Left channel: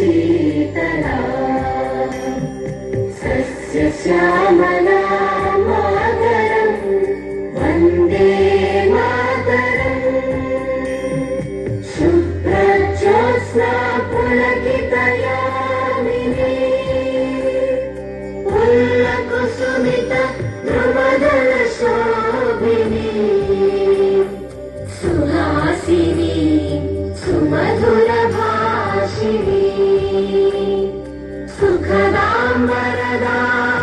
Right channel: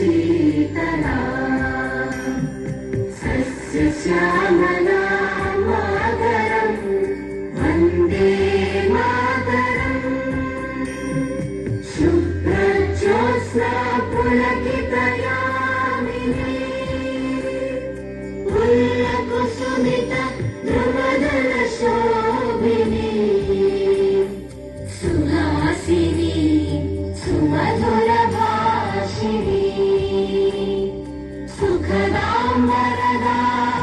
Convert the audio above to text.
Sheetla सस्यश्यामला Mataram Vande Mataram शुभ्रज्योत्स्ना पुलकितयामिनी पुल्लकुसुमित द्रुमदलशोभिनी Suhasini सुमधुरभाषिणी सुखदां वरदां